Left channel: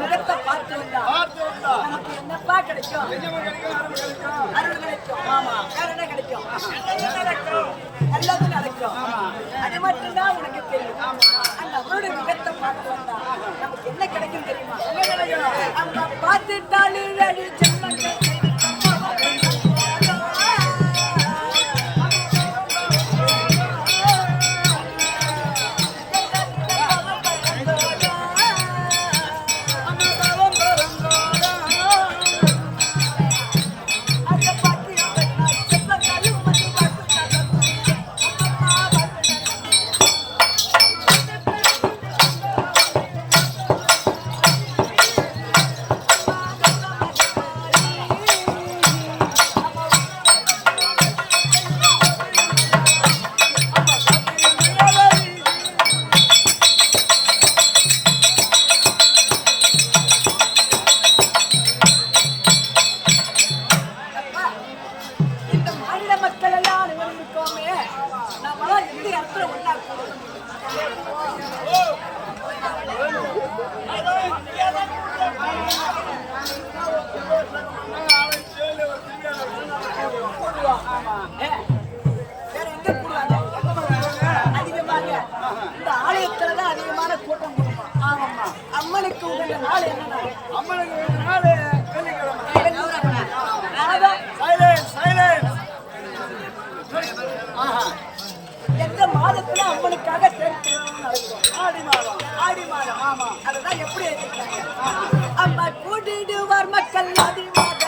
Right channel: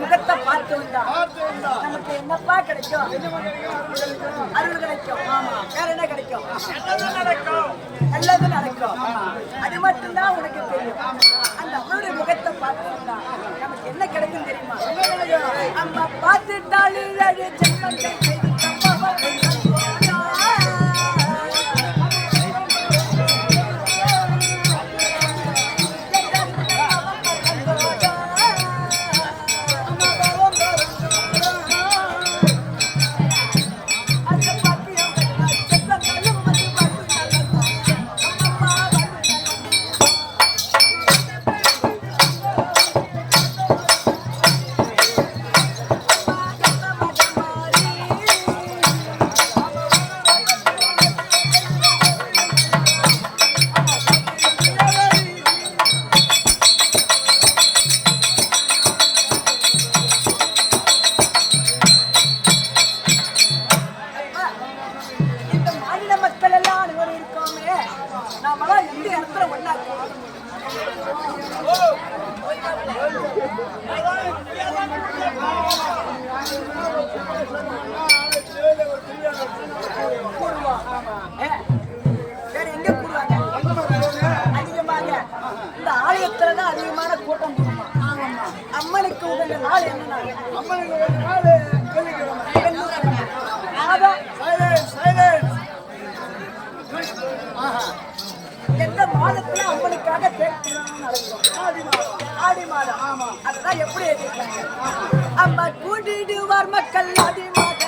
முகத்தை பார்த்து வந்தா நமக்கு என்னப்பா கிடைக்கும்? அருள் கிடைக்கும். வேற என்ன கிடைக்கும்? நல்லது நடக்கும். அது மட்டும்தான் உனக்கு தெரியும். அந்த அவருடைய முகத்தை பார்த்து வந்தா நமக்கு என்ன கிடைக்கும் தெரியுமா? நம்ம பார்த்துட்டாலே ஜென்மங்கள் இந்த ஆலயத்துலதான் அதிகமான கூட்டம் கூடுமா? அம்மனுக்கு உகந்த நாள் என்ன நாள்? அம்மனுக்கு உகந்த நாள் வெள்ளிக்கிழமை. எந்த மாதத்துல அம்மனுக்காக சேர்க்கிறான்னு நடக்கும்? ஆடி மாதம். ஆடி மாதம். ஆமா. அதுதான் எப்படி எழுதிருக்காங்க? அம்மா கூட்டிடுவார் மக்கள் ஆடி மாத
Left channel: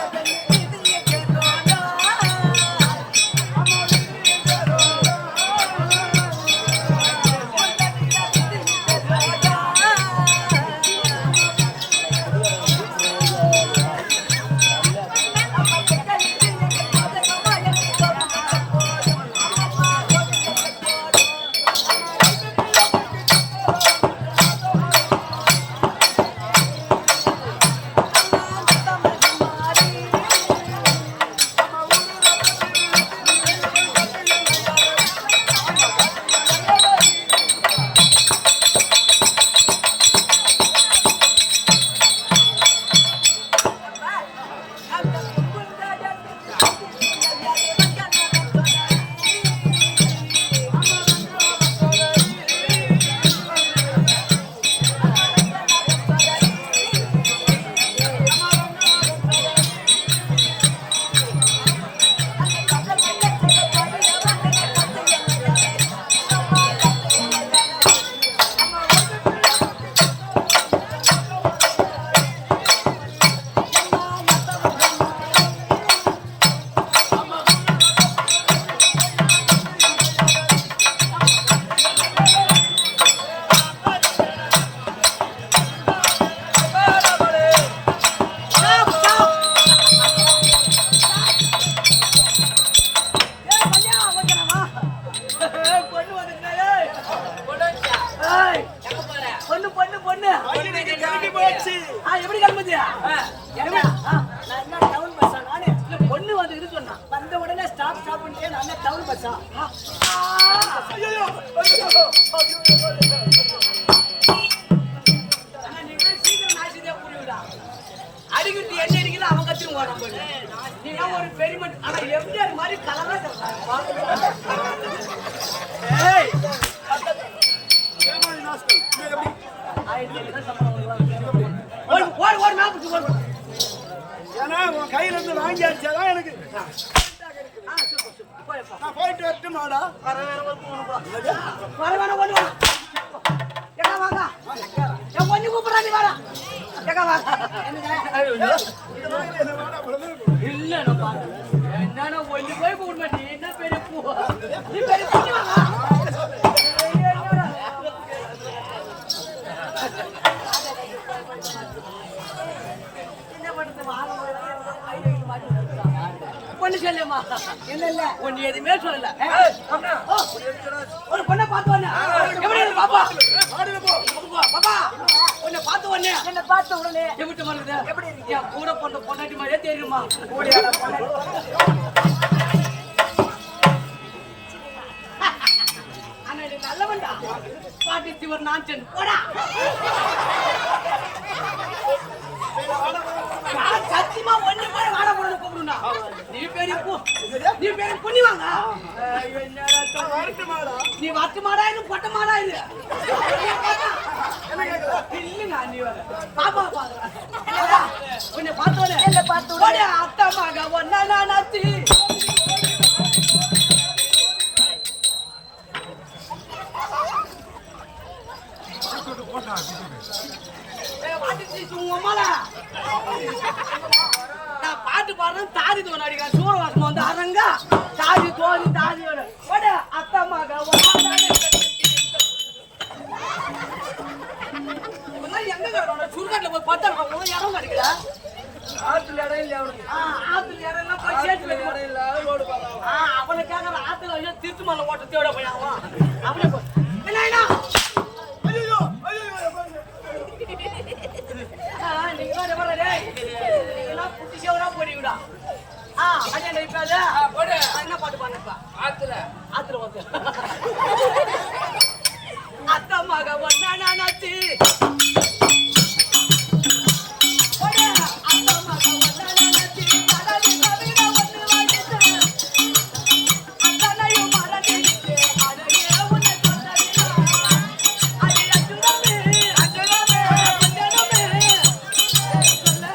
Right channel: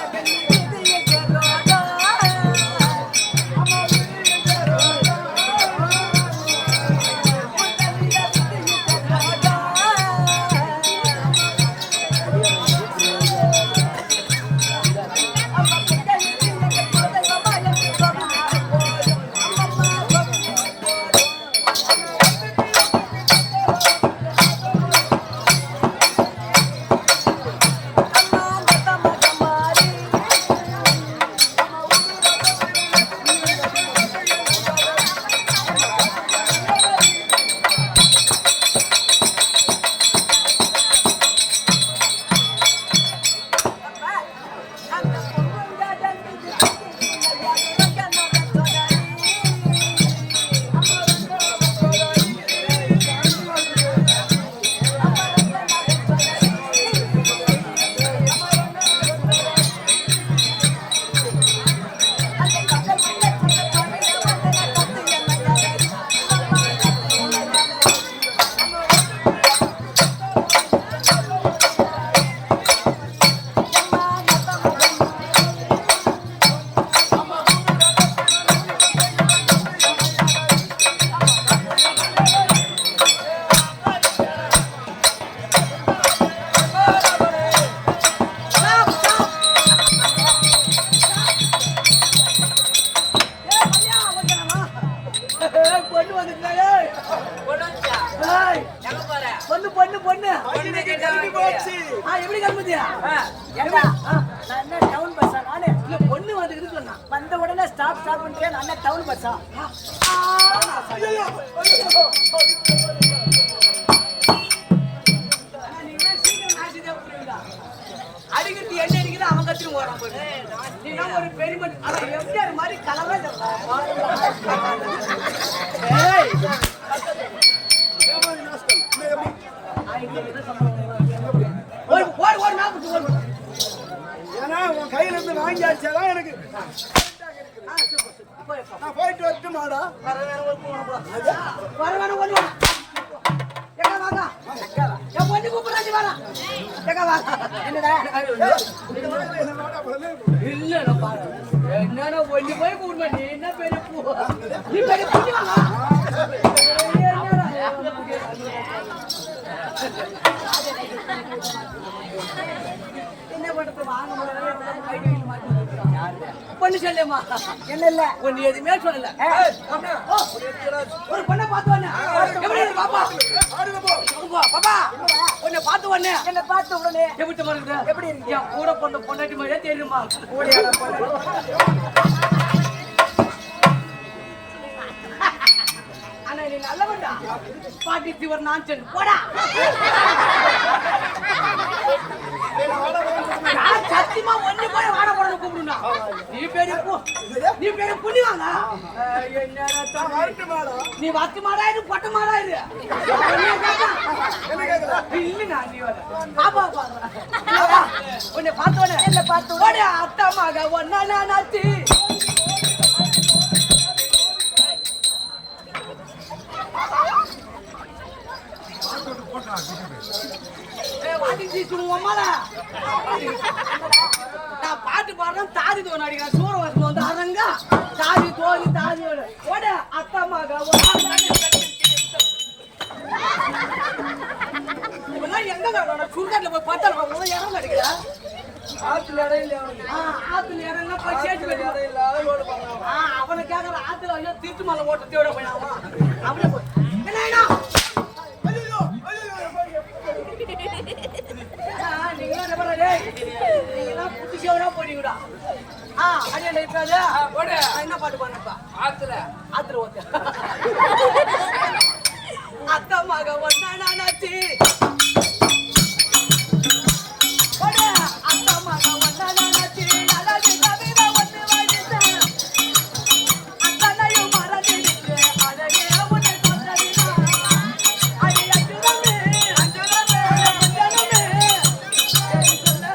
எப்படி கிளம்புதியா? டவுன் பஸ்ஸா? நானு பொண்ணு வந்து சொன்னா வந்த உடனே ஸ்டாப் ஸ்டாப் பண்ணிட்டே நான் டவுன் பஸ்ஸா? நீங்களே சீக்கிரம் நாசிதே புரியுதா? அடிக்கிட்டு என்ன அடிக்குது அவன் கத்திரும் ஓடுறான் போய். நீங்க ஒரு பெருமட் ஆனா எம்ஜிஆர் மாதிரி கலரா ஏன்னா உன் கையில இருந்து வாங்கி அடிச்சாதான் எனக்கு நான் போயிட்டு வரட்டுமாடா? என்னன்னா ஒண்ணு போய் கூடுமா நீ என்ன பெரிய பூ நீ பெரிய பூ என்ன பண்றது வாங்க முடியல பொண்ணு சொல்லுமா என்ன இல்ல ஒன்னு எதுவுமே சொல்லல ஒரு பொண்ணை பார்த்து ஒண்ணு பாப்பா பாப்பா உன்னை பார்த்து ஒண்ணு என்ன பார்த்த உடனே எப்படி வருது எப்படி இருக்கு என் கூட பொண்ணு பொண்டாட்டி மாதிரியே தெரியுமா கூடியான பொண்டாட்டி ஆனா நீ நல்லவன்டா பாட்டி சிவர் நான் சென்று போடா சத்தியமா ஒண்ணு போய் வாட போட கூப்பிடுனா நீ பேரு புண்ணி வாங்க நீ வத்து மாடா இது பொட்ட மாடா இது இல்லைங்க நீ பாப்பா பாக்குறேன் உன்னை பார்த்தோன்னே என்ன பார்த்தோட அத்தா மக ஒன்னா நாச்சி நான் பாட்டு பாடுறேன் தாதி தோணு அடிக்கிறேன் சூரவாசம் வந்து அரங்க தாதி தோணி தாதி அத்தமாக எங்க கிடக்கணும் சுடுகாட்டுல போய் பார்த்தா இடம் கிடைக்கல ஆத்துல இடம் இல்ல ஆத்துல இடம் எல்லாம் போய் சேர்த்து இடம் இல்ல லோடு பாடுறான் அவனை கேட்கற ஆத்துல ஐயோ திருட்டு மலை ஓட்ட தேட போய் அவனே போய் என்ன என்ன பாட்டு பண்ணப்பா ஆத்துல ஓத்த அத்தமாக ஒன்னா நாச்சி அத்தமாக ஒன்னா நாச்சி அழகு கவிதை ஒன்று வாடித்தேன் அத்தனையும் மறந்திருக்கு அழகே உன்னை கொண்டதினா அது அஞ்சுரமே கொஞ்சமே சொல்ல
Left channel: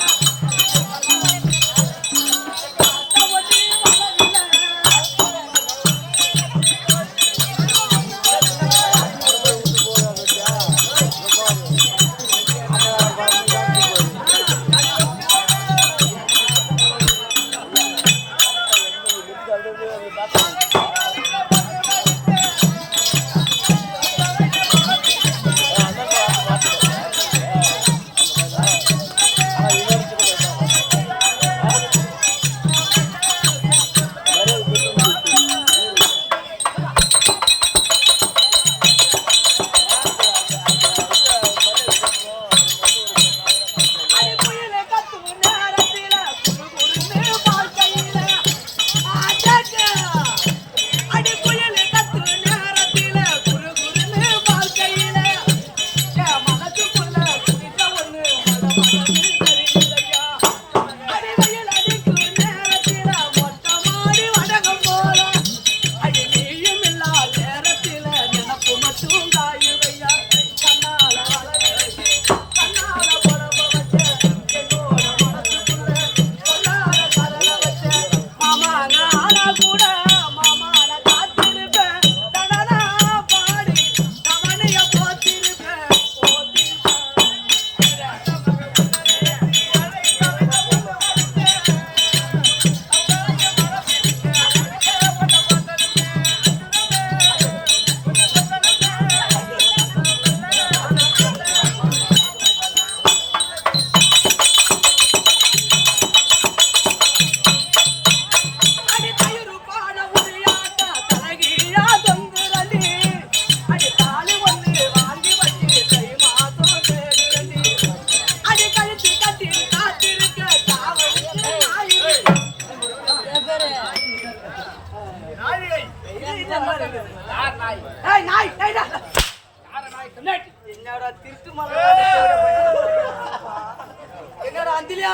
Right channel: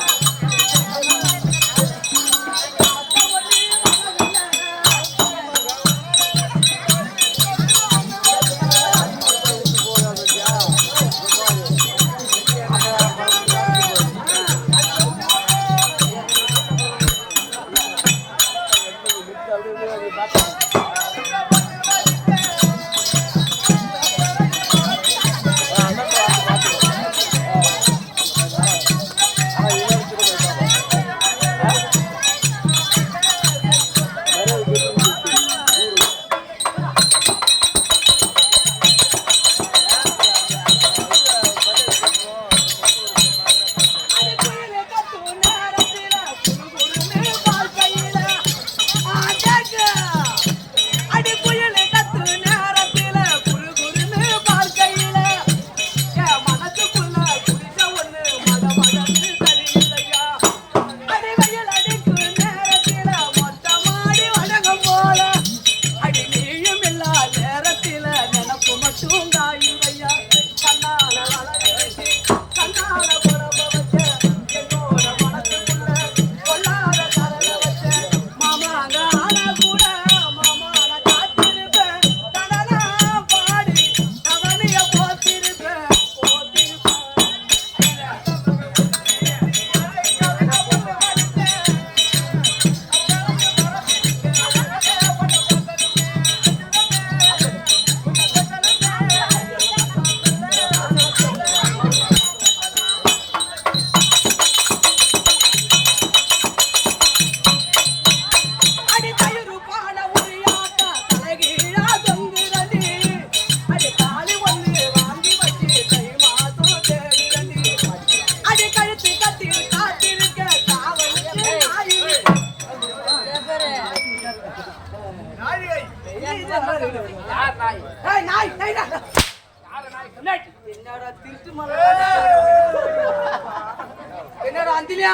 என்னடா அந்திலியா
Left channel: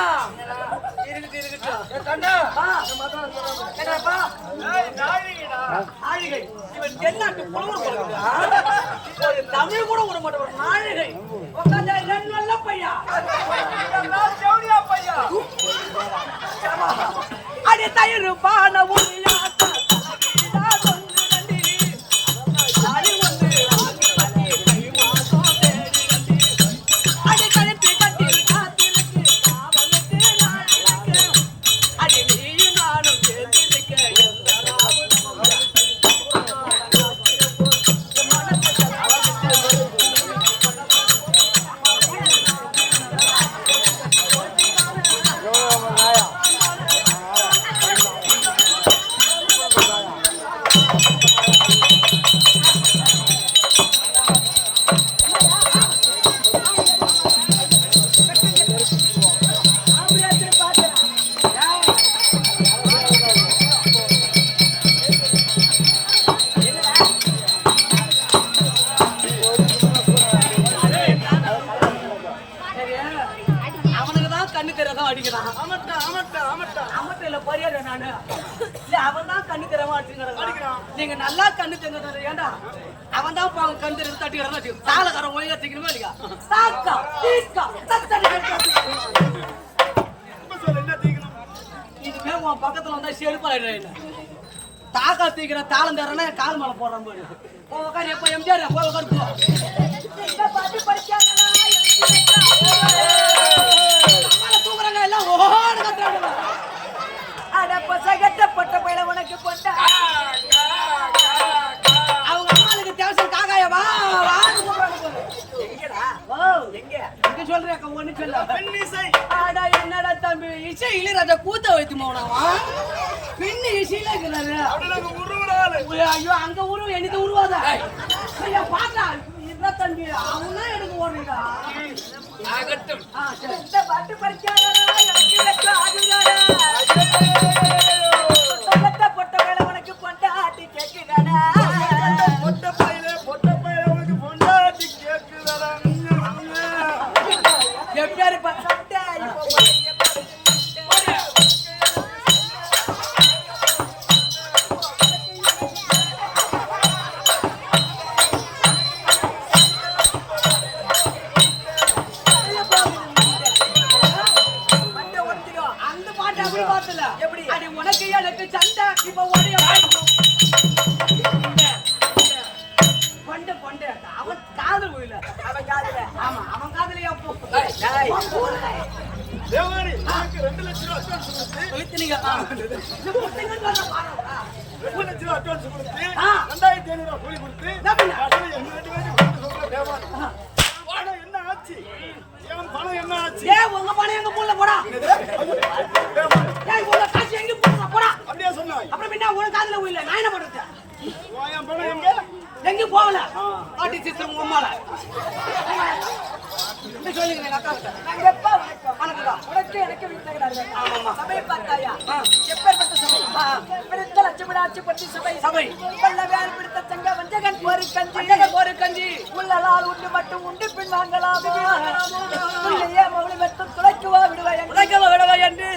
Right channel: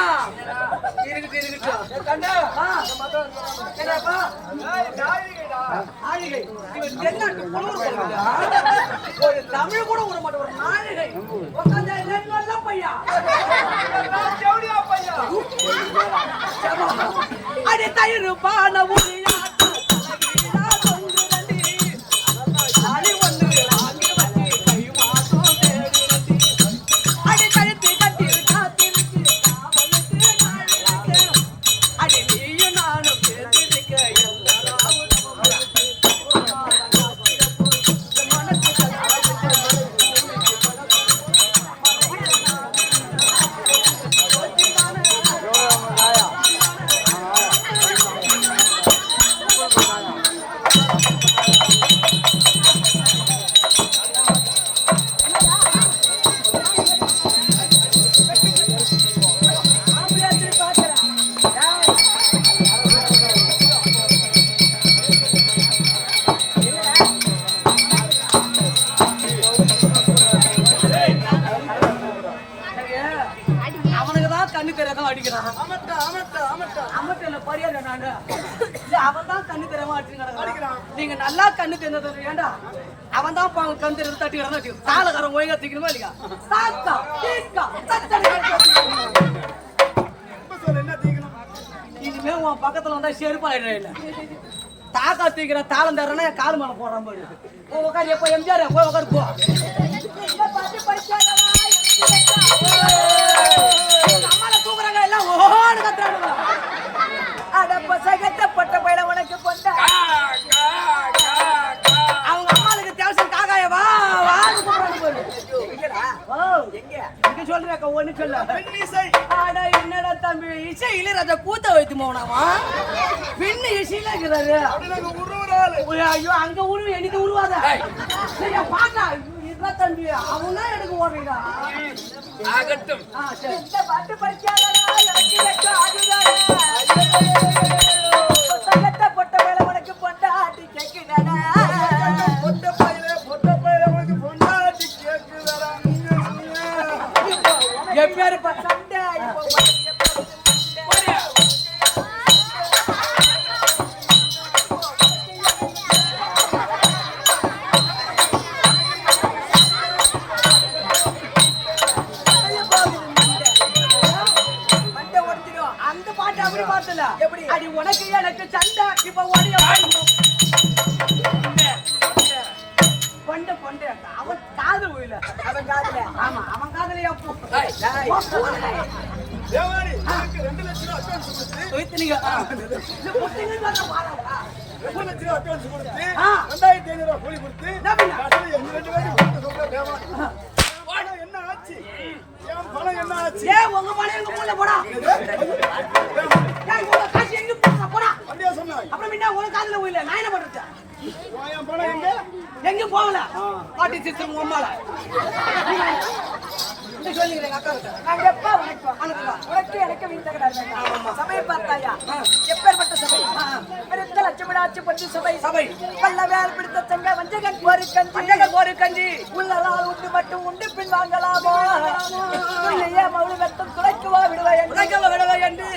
இருக்கட்டும் கண்ணா என்னப்பா நாழிகை இவன் தென்னாட்டு புலவர் பழகுதா ஒரு தமிழ் கூட விட மாட்டேன் ஒரு நாழிகை உட்காந்தா நல்ல பையா பையா அடி தயிர் பான உரியா நீங்க நல்லா கண்ணு தெரிஞ்சது ஏண்டா அவன் தான் கண் தெரிஞ்சு தட்டி தாளக்காரன் ஒழுங்கா தீக்கணுமா இல்லையா தாக்கா தீக்கா இனிமே உன் பக்கத்துல வந்தா செருப்பாயிடுற இல்ல தாக்கா தீக்கிற தாளம் தரனா கால் மேல போடுறான் போடு உட்காரு எப்போ எம்ஜிஆர் போய் உட்காரு போ அம்மால தூக்குறாங்க எல்லாம் ஓடு கத்துறானுவா அடப்ப சகட்டப்பட்ட பையில உனக்கு பொண்டா அவங்க அம்மாளுக்கு தேவசம் காக்காய வா வான்னு கூப்பிடுறாங்க போது எங்கடா ஓ எங்க இங்க சொல்றேன் ஒண்ணு சொல்ல ஆடா என்னடா தம்பி இசை இளையராஜா கூத்த வைத்து போனாவா பின்ன இசையில இருக்கிறாரு ஐயோ அங்க உருவ எனக்கு உருவாத சரியா பாட்டா இதுதான் தம்பி அவனா எனக்கு ஓடுறீடா ஆகட்டும் இந்த பாட்டு படிக்காதடா எனக்கு ஆகுதாடா பொட்ட பையில உனக்கு பொண்டாட்டி கேக்குதாடா பொட்ட பையில உனக்கு பொண்டாட்டி கேக்குதாடா எப்பேரு சண்டை இப்போ எப்படி அடி உனக்கு எனக்கு சண்டை இப்ப ஓடிய பொண்ட பொண்ட அவன் காது போயில அவன் காதுல ஆமா அவன் காதுலயா பூ தேவாரி எனக்கு 2 லட்சம் அட்வான்ஸ் கொடுத்து வைத்தீங்க இல்ல பொட்டுங்க வர வாடா 2 லட்சம் அட்வான்ஸ் கொடுத்து 2500 ரூபாய் கூலி கொடுத்து கட்டணம் எங்க ரெண்டு பேருக்கு கொடுத்து தேவாரி வாடா என்ன ஆச்சு ஏன் பணம் என்ன ஆச்சு ஏய் உங்க பணம் எங்க மூல போடா ஏய் உங்க காசு எங்க போடா போடா அப்படியே சொன்னாய் அப்புறம் என்ன உனக்கு காதுல போயில நான் என்ன பண்றது என் பணம் எங்க போகல பாட்டி சிஸ்டர் உம்மால இந்த சொல்லிக்கிறேன் அக்கா கிட்ட நான் எப்ப வணக்கம் உனக்கு எனக்கு வீட்டகடார் வேண்டாம் சபையை பார்த்தாயா எப்பேற்பட்ட சபை பெருத்த லட்சமிடாச்சு பட்டு சபை பல்லவேல் பிடித்த தங்க வஞ்சகன் போரு கஞ்சி உள்ளலால் உண்டு மட்டும் உண்டு பின் வாங்கலாமோ இல்லையே மௌலி வெட்டம் துளைக்கவா விடுவா என்று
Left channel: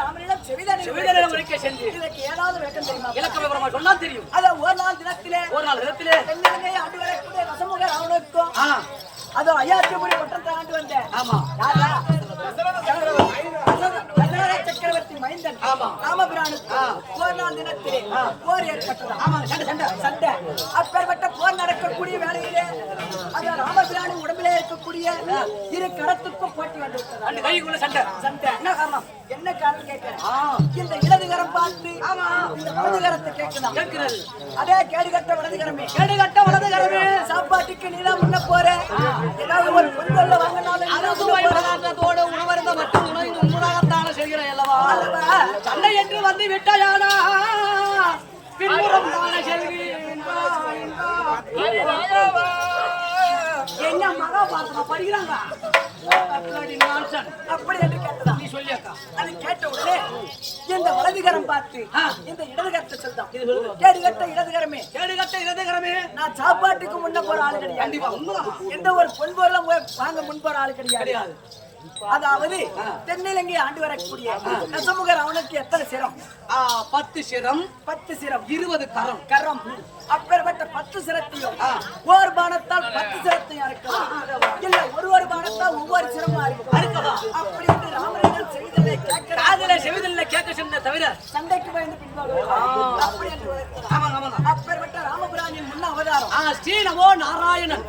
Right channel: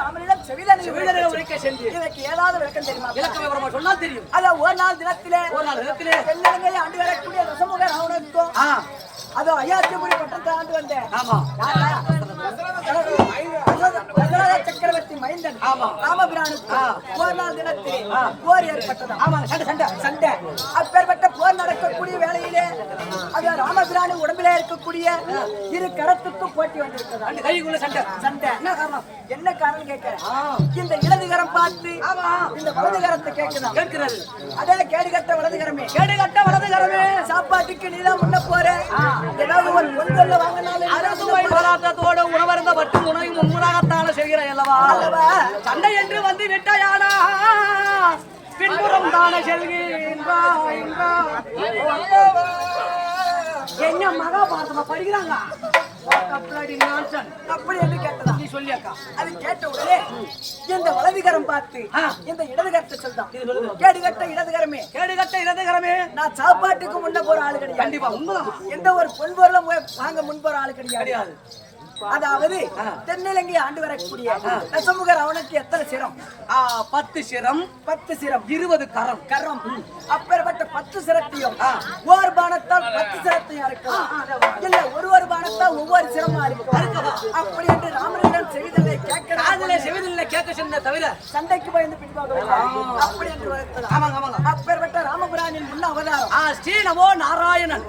ராமனிடம் செவிதனை உரைக்க சென்று இதற்கு ஏதாவது விளக்கம் தெரியுமா விளக்க விவரமா சொன்னால் தெரியும் அத ஒரு நாள் தினத்திலே தென்னிலங்கை ஆண்டு வரக்கூடிய ரசமுக ராவணுக்கும் அதோ ஐயாத்தியபுரி பட்டத்தை ஆண்டு வந்தேன் ஆமா யாரா சக்கரவர்த்தி மைந்தன் ஆமா ராமபிரானுக்கு போர் நாள் தினத்திலே போர் ஏற்பட்டதா ஆமா சண்டை அப்பேற்பட்ட போர் நடக்கக்கூடிய வேளையிலே அது ராமபிரானி உடம்பிலே இருக்கக்கூடிய இரு கரத்துக்கும் போட்டி வந்திருக்கிறது அந்த கைக்குள்ள சண்டை என்ன காரணம் கேட்கிறேன் இந்த இடதுகரம் பார்த்து ஆமா இந்த வலதுகரத்தை கேட்கிறது அதே கேடுகட்ட வலதுகரமே சாப்பாட்டுக்கு நீதான் முன்ன போற ஏதாவது ஒரு பொங்கல்ல வாங்கினாலும் அரசுவை போராட்டத்தோடு உணவருந்த மட்டும் உணவு முன்முறையாகத்தான செய்கிறேன் அல்லவா சண்டை என்று வந்து விட்டாயானா பின்புறம் தானே செல்கின்றாய் என்ன மகாபாரதமா படிக்கிறாங்க அப்படி என்று கேட்டதா நீ சொல்லியாக்கா அது கேட்ட உடனே இந்த வலதுகரம் பார்த்து இந்த இடதுகரத்தை சொல்றான் கேடுகட்ட இடதுகரமே நான் சாப்பாட்டுக்கு முன்ன போற ஆளு கிடையாது கண்டிப்பா உண்மைதான் எந்த ஒரு பொன்பொருளும் வாங்க முன் போற ஆளு கிடையாது அதாவது தென்னிலங்கை ஆண்டு வரக்கூடிய தசமுகர் அவனுக்கு எத்தனை சிரம்? 10 சிரம் 10 சிரம் 20 கரம் கரம். அப்பேற்பட்ட 10 சிரத்தையும் ஓர் பானத்தால் 10 சிரத்தையும் அறுக்கலாம். இல்ல ஒரு பானத்தால் ஒவ்வொரு சிரமா இருக்கலாம். அப்படி என்று ராமனிடம் செய்தலை கேட்க சொன்ன தவிர சண்டைக்கு பயந்து பின்பாகவில்லை. அப்படி என்று வளர்த்தது. அப்பேற்பட்ட ராமபுரானின் முன்ன அவதாரம் ஸ்ரீநமோ நாராயணன்.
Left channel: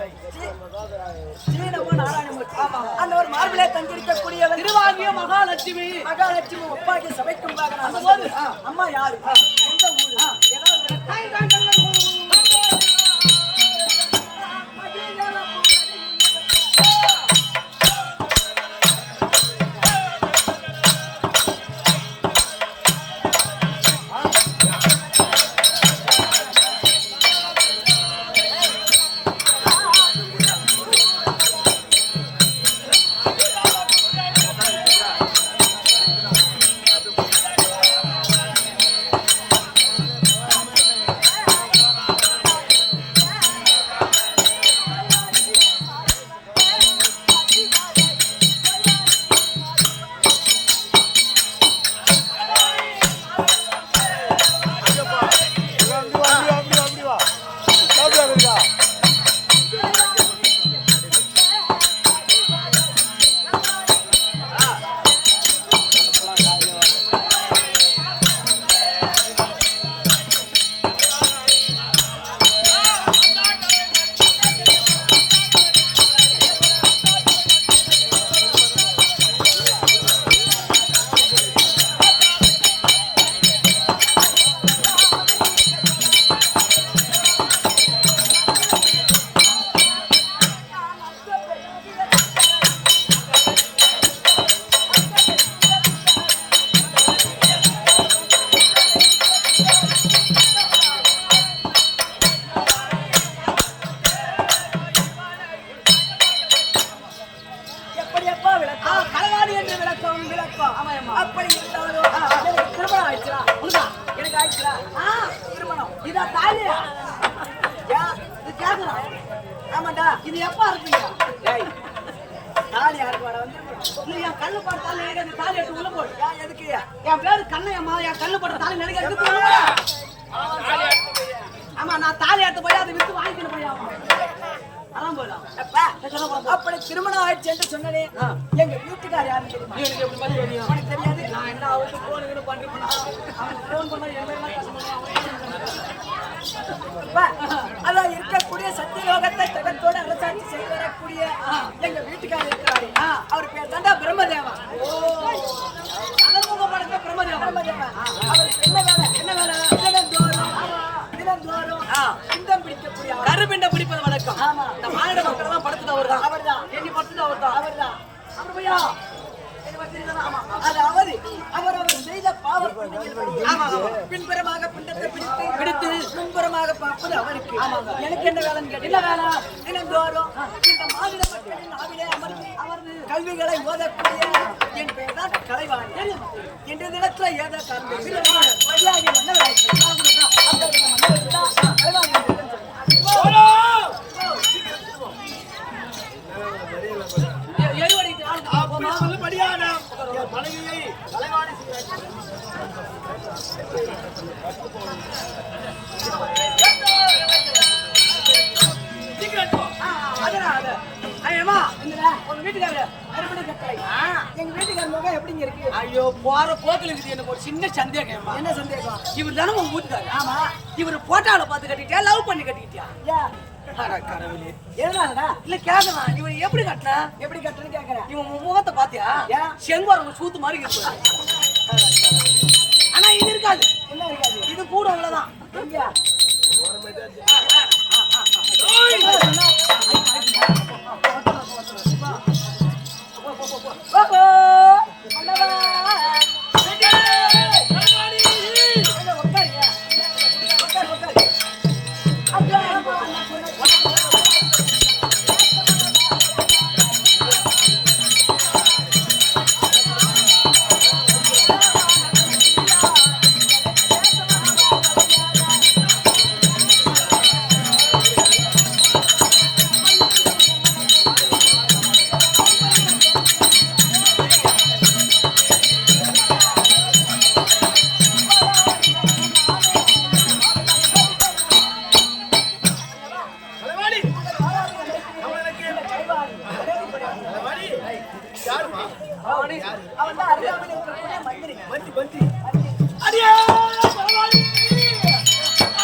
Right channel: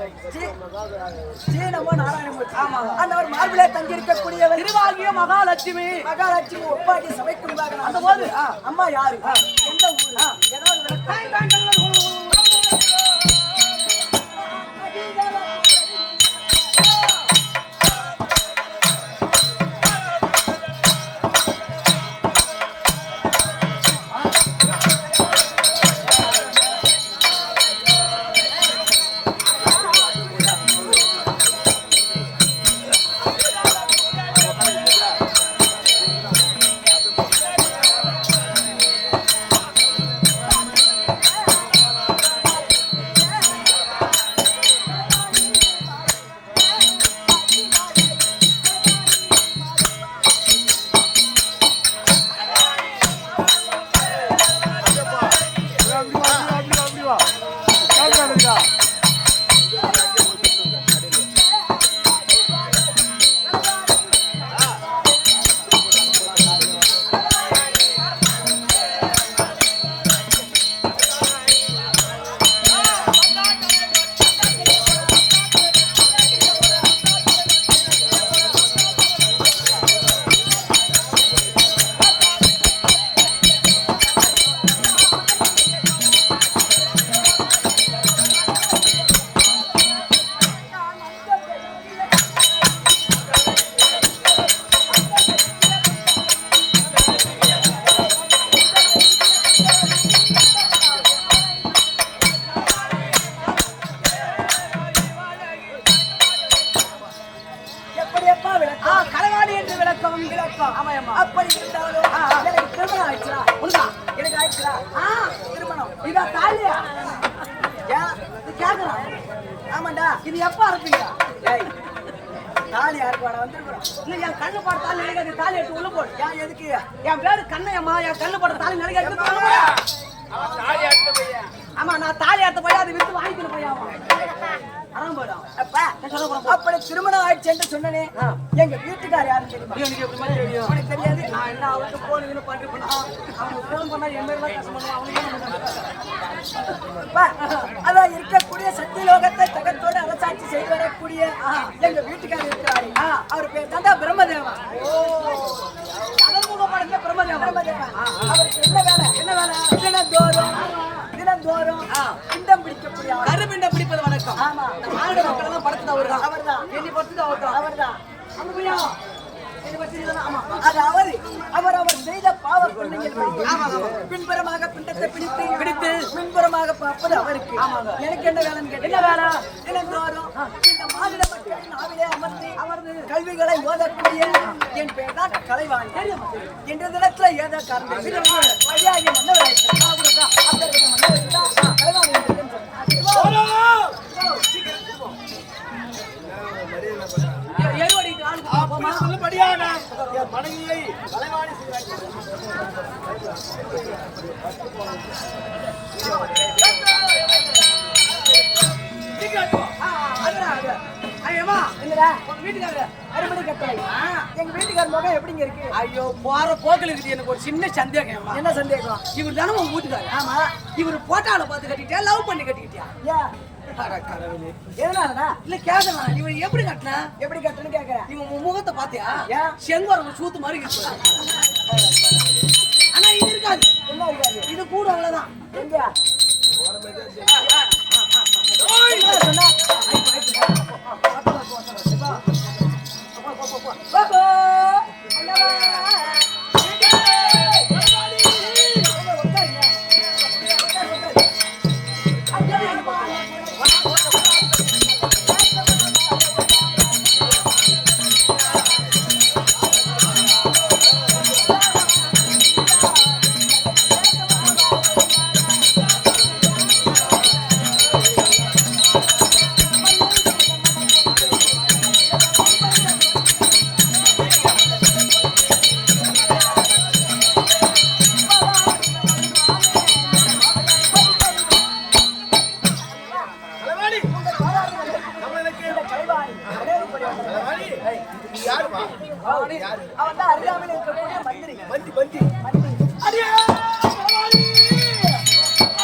ஸ்ரீநமோ நாராயணமூர்த்தி. அந்தவர் மார்பிலே தங்கியிருக்கக்கூடியவர் திருவாகிய மகாலட்சுமி. மகாலட்சுமி ஒப்பாக்கி சபைக்கும் அந்த போது அம்மா யாரு, எந்த ஊரு, ஏதாவது விளக்கம். கலைவாணி என்று விளக்கம் விளக்கம். அப்படி இருந்தாலும் எனக்கு திருமணம் ஆயிடுச்சுடா. எனக்கு ஆயிடுச்சுடா திருமணம். இதா தாலியா? ஏன் இது கேக்குறான்? ஆமாண்டா. இது எப்ப அறுப்பீங்க? தாலி யாருக்கு வாடா வந்துருக்குறோம். இல்ல என் கண்ணு போட தாலி நினைக்காது. தாலி எடுத்து உள்ள போடு. ஏன் எதுக்கு? என் பேரு கண்ணையம்மா. என் கண்ணு போட தாலி நினைக்காது. ஆமா நான் தாலி எடுத்து போய் அதை வித்து வாங்கிக்கணும் போய் அப்படி திருமணம் ஆயிடுச்சு என்று சொன்னனே. எங்க வீட்டுக்கார் யாருன்னு தெரியுமா? உனக்கு தெரியாது. நான் என்ன அவருக்கு போன் பண்றேன். அவங்க போன் பண்ணா என் பேர்லாம் கஷ்டம் அதான் இருக்கக்கூடிய சக்தி லோகத்தை தகத்தோடு அரசாட்சி செய்து வரக்கூடிய எங்க வீட்டுக்காரர் இருக்கிறாரு. அவர் பேர் தாண்டா பிரம்மதேவா. அதர்முக படத்தை பிரம்மதேவா. அவருக்கு என்ன வேலை? என்ன வேலை? தினந்தோறும் பிண்டம் பிடிக்கக்கூடிய கருப்பிண்டம் பிடிப்பது வழக்கம். ஆமா இந்த மாநில மக்கள் தான் படுத்தது அவர்தான். எண்ணி படுத்தது அவர்தான். அதாவது அவர் செய்த பாவ புண்ணியங்கள் பின்புறமாக பிண்டத்தை பிடித்து பின்புறமாக பார்ப்பது அவருக்கு. எனக்கு என்ன வேலைன்னு கேட்டு என்ன வேலை? தினந்தோறும் இந்த மாநில மக்களின் ஆவிலே அமர்ந்து கல்விகளை ஓதக்கூடிய என் பெயர் தான் கலைவாணி. இன்றைய தினத்துல ஏதோ காரணம் வழியாகி மன்னவராயிட்டு மன்னவர் தான் கலைவாணி மனைவியை கலைவாணி உங்க வீட்டுக்காரரு அறுபடை கட்டளை. எங்க வீட்டுக்காரர் முகம் எப்படிங்க இருக்கு? ஐயோ போற போக்கில் இருக்குது. எனக்கு ஒரு சின்ன சந்தேகம். என்ன சந்தேகம்? இவர் தானே உங்க வீட்டுக்காரரு? ஆமா. இவர் போட்டால பார்த்து கட்டிட்டியா லவ் பண்ணி கட்டிக்கிட்டியா? கடவுளே எதனாலடா? இல்ல கேக்குறான். இவன் எப்படி கட்டினா? எப்படி கட்டணும் கேக்குறேன். இவன் முகத்தை பாத்தியா? செங்கோரங்க சூத்து மாதிரி இருக்கு. ஆனா இது இருக்காது. என்ன இருக்காது? இது கூட அவ்வளவுதான். எங்க யாருமா அவன் தான் அருகாமையில் இருக்கக்கூடிய மந்திரி மந்தி மந்தி மந்திரி அடியே